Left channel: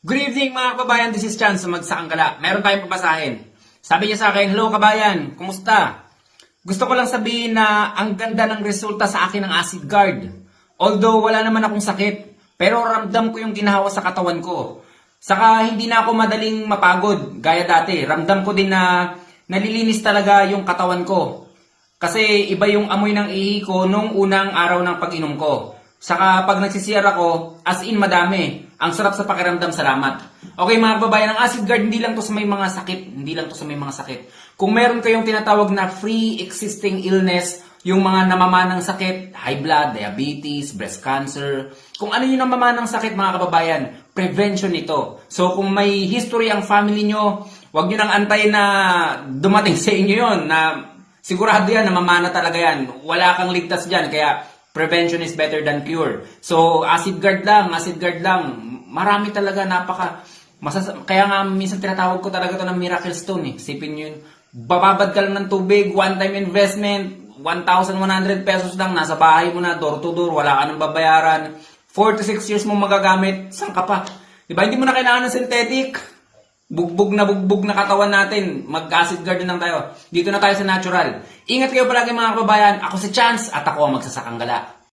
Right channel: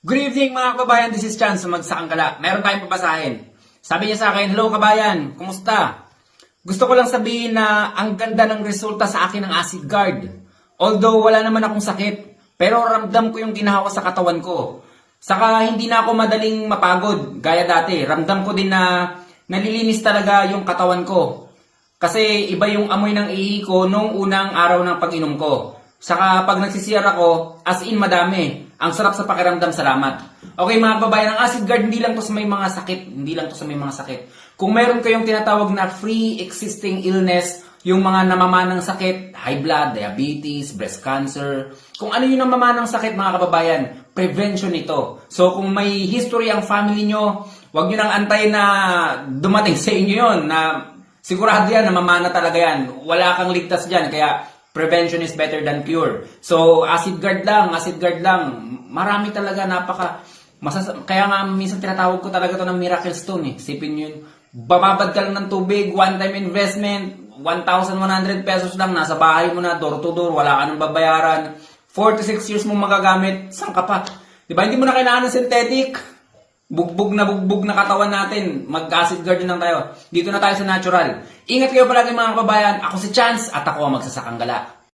Good evening mga kababayan, this is Chance Magsaang Gala. Meron tayong papasahin. Sabi niya sa akin, Hello kabayan, kumusta? Gusto ko lang sabihin na ang ganda ng resulta sa akin ng acid guard. Although wala naman akong sakit, pero ramdam ko yung ginahawa sa katawan ko. Saka hindi na ako madaling mapagod, gaya dati. Ramdam ko din na nalilinis talaga yung katawan ko. Kasi iba yung amoy ng ihi ko nung unang araw ng pag-inom ko. Saka pag nagsisiyar ako, as in madami. Ang sarap sa pakiramdam, salamat. Okay mga kababayan, ang acid guard hindi lang to sa may mga sakit. Hindi lang to sa may mga sakit. Kung meron kayong tinatawag na free existing illness, yung mga namamanang sakit, high blood, diabetes, breast cancer, kung ano yung namamanang sakit mga kababayan, prevention ito. So kung may history ang family nyo, wag nyo nang antay na dumating sa inyo yon na Sigurado yan, namamana talaga yan. Wala kang ligtas dyan, kaya prevention is better than cure. So, acid guard lang, acid guard lang. Marami talaga, napaka... Masas- kaya nga, minsan tinatawag ko talaga to ng miracle stone eh. Sipin yun. Bababad ka lang ng tubig, one-time investment, 1,100 pesos lang, nasa bahay mo na, door to door, wala ka nang babayaran. 4 to 6 years mo magagamit, saan ka pa? Di ba, hindi mo na kailangan ng synthetic. Bugbog na bugbog na katawan natin. Mag-acid guard lang tayo. Dito na tayo sa natural. Ingat kayo palagi mga kababayan. Ako si Chance at ako ang magsasakang gala.